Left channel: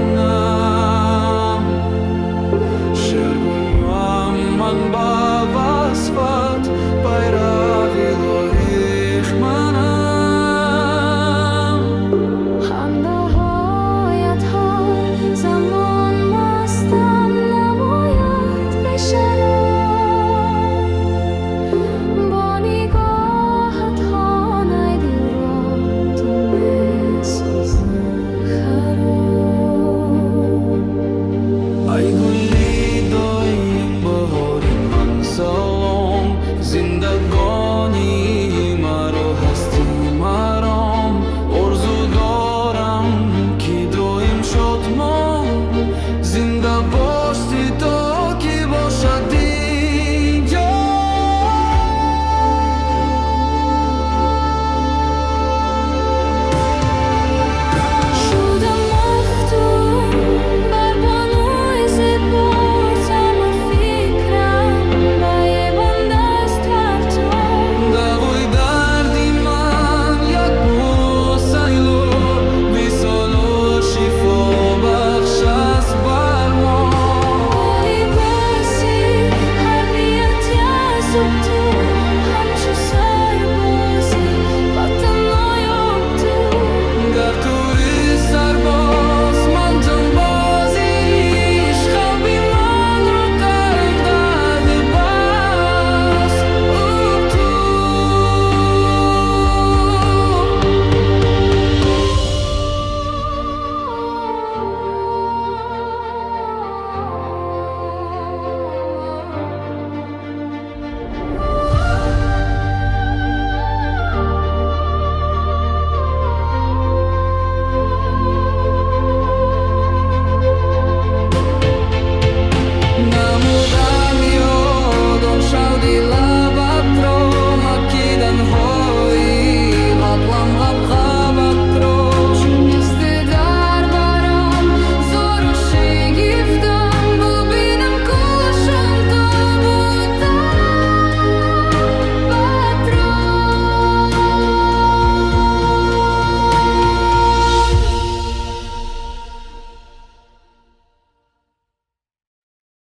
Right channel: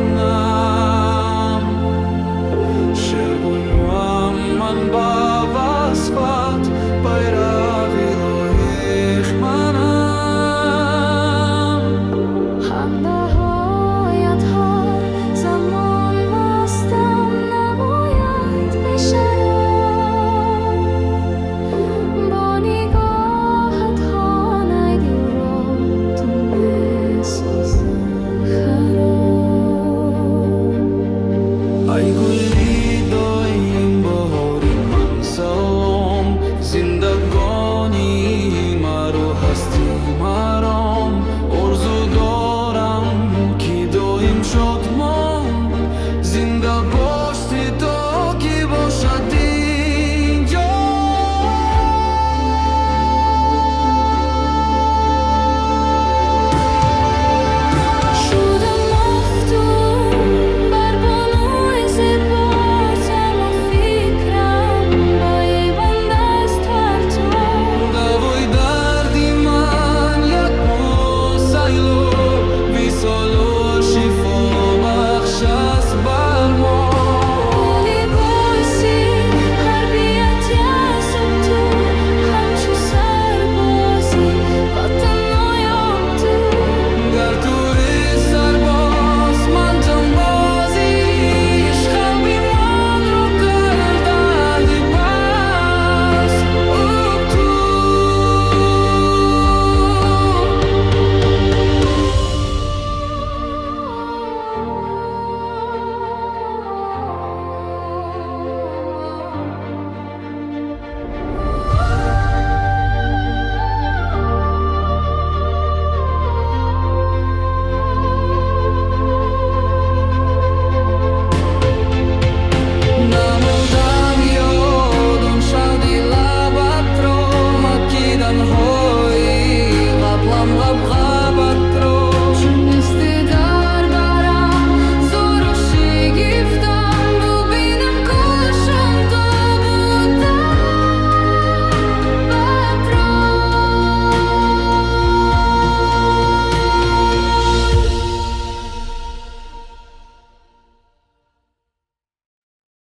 منم شرگونم من با وصفت بیروی لایق منم همنهایت هر زمان مستم نماید به شراب با نگاهت خانه دل را تو میسازه خراب ای گلی دایم بهاری من سلام زندگانی مرا هستی مرام آرزو دارم که دایم شادمان زنده باشی تا که باشد اینجا شدم مفتون بر بانوی زیبا تمام فکرم با یه بند است بر تو دوای دردی من یک بوسیلو ویسالو شفا